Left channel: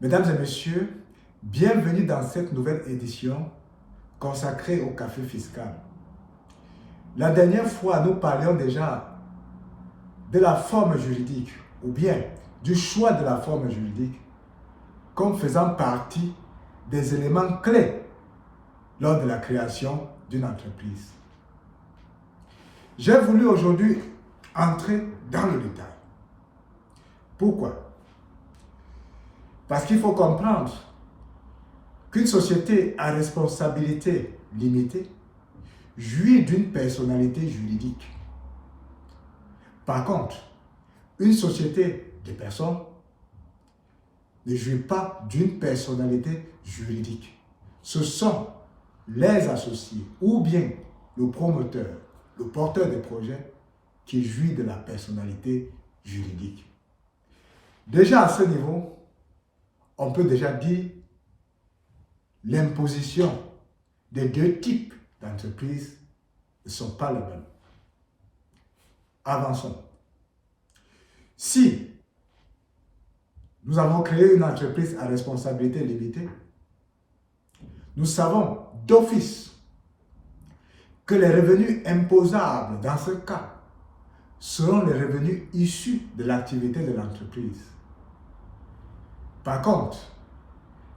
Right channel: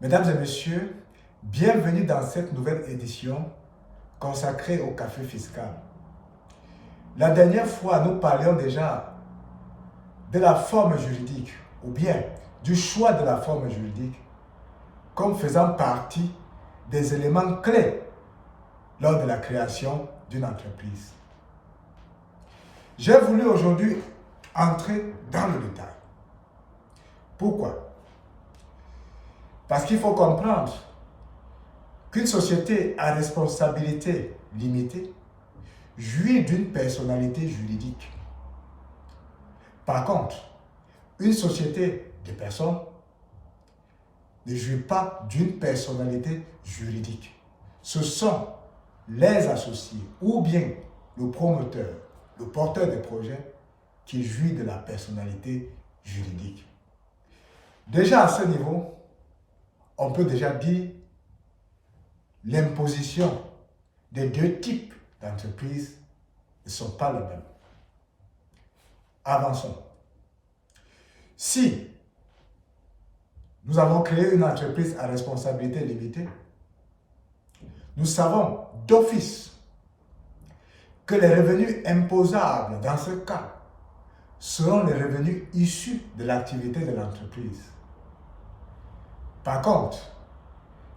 Mesdames et messieurs, bienvenue dans cette nouvelle édition consacrée au café fiscal. La dernière fois, nous parlions déjà de la forme juridique ou bien du choix de la forme juridique comme faisant partie des éléments clés lors de la création d'une entreprise. J'ai voulu aujourd'hui entrer dans le détail. Pourquoi? Parce qu'il faut comprendre qu'une société à responsabilité limitée jouit d'une personnalité juridique. Par contre, une société de personnes ne jouit pas d'une personnalité juridique. Ce sont les associés ou bien le promoteur, le porteur de projet qui jouit de la personnalité juridique. Déjà à ce niveau, on peut déjà dire l'imposition des deux types d'entreprises ne sont pas les mêmes. Avançons. Si nous avons créé une entreprise à responsabilité limitée, nous savons d'office que les revenus imposables dans ce cas seront les revenus issus de l'activité de l'entreprise. Par contre,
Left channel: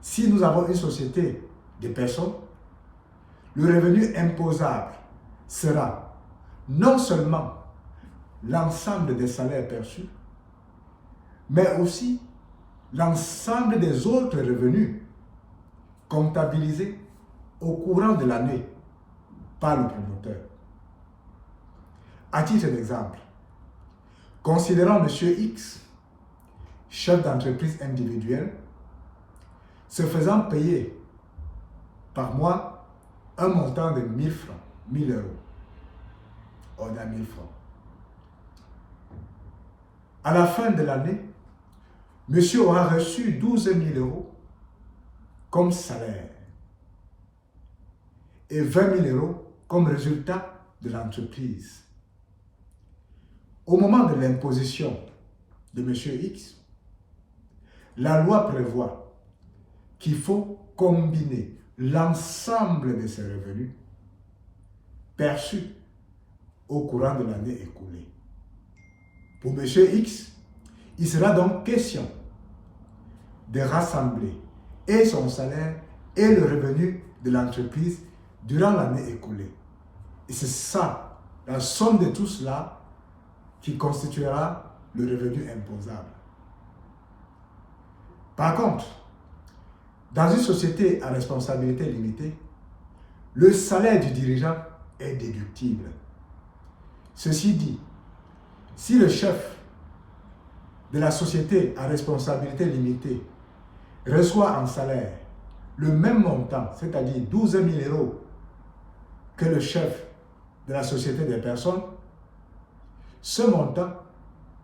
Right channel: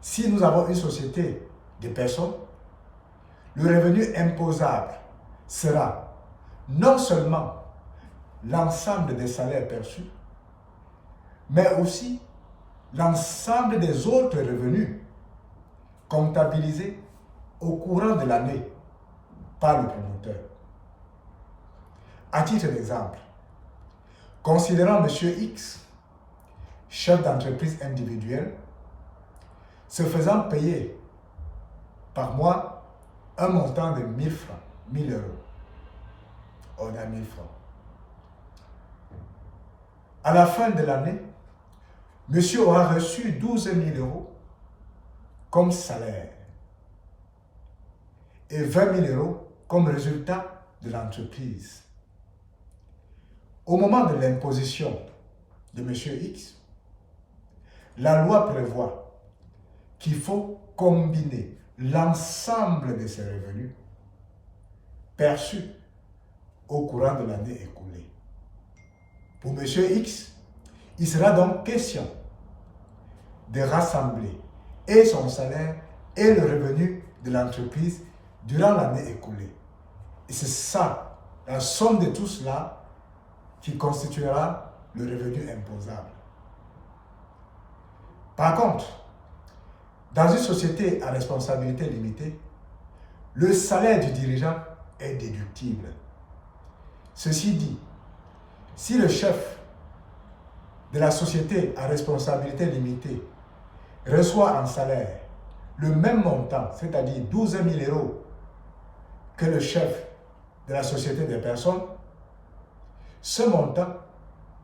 si nous avons une société de personnes, le revenu imposable sera non seulement l'ensemble des salaires perçus, mais aussi l'ensemble des autres revenus comptabilisés au courant de l'année par le promoteur. À titre d'exemple, considérons M. X, chef d'entreprise individuelle, se faisant payer par mois un montant de 1000 francs, 1000 euros. On a 1000 francs. À la fin de l'année, monsieur aura reçu 12 000 euros comme salaire et 20 000 euros comme résultat de l'entreprise. Au moment de l'imposition de monsieur X, la loi prévoit qu'il faut combiner l'ensemble de ses revenus perçus au courant de l'année écoulée. Pour M. X, il sera donc question de rassembler et son salaire et le revenu de l'entreprise durant l'année écoulée. Et c'est ça, la somme de tout cela, qui constituera le revenu imposable. Par contre, dans une société à responsabilité limitée, le salaire du dirigeant est déductible. Ceci dit, si le chef de la société à responsabilité limitée reçoit en salaire le même montant, c'est-à-dire 12 000 euros, que le chef de la société des personnes, ce montant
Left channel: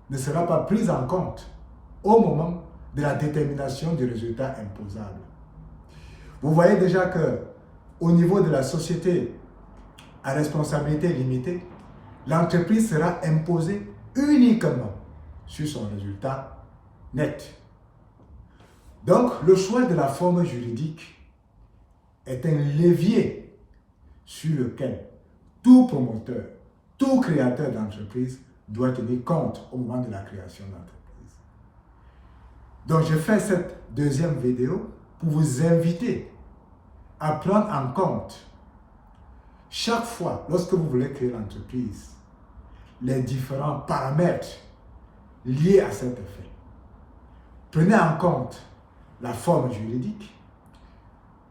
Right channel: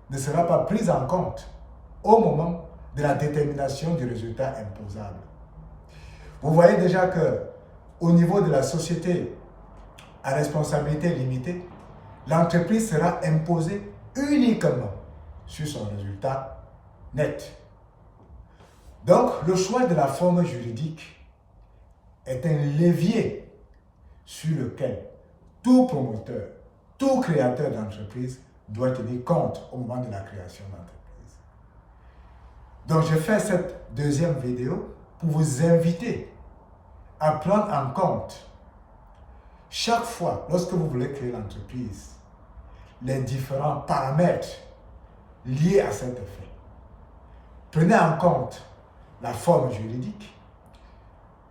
ne sera pas pris en compte au moment de la détermination du résultat imposable. Vous voyez déjà que au niveau de la société à responsabilité limitée, l'entreprise sera imposée uniquement sur son résultat net. Donc, le choix de la forme juridique est un levier sur lequel tout promoteur, tout créateur d'entreprise doit tenir compte au moment de la création d'entreprise. Donc, je fais cette deuxième vidéo pour vous inviter à prendre en compte chaque fois, lorsque vous voulez créer l'entreprise, les différents paramètres liés à cet effet. Prenez en compte la forme juridique,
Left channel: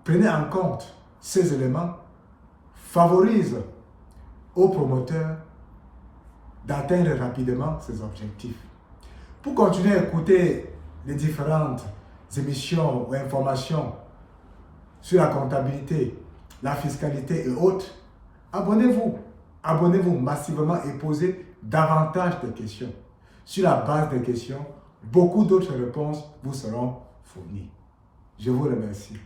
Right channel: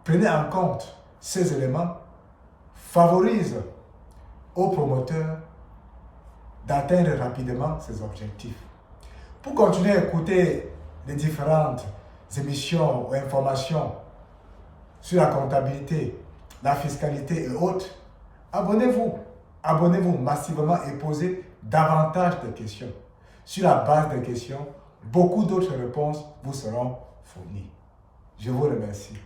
prenez en compte ces éléments, favorisent aux promoteurs d'atteindre rapidement ces objectifs. Pour continuer à écouter les différentes émissions ou informations sur la comptabilité, la fiscalité et autres, abonnez-vous. Abonnez-vous massivement et posez davantage de questions. Sur la base des questions, beaucoup d'autres réponses vous seront fournies. Je vous remercie.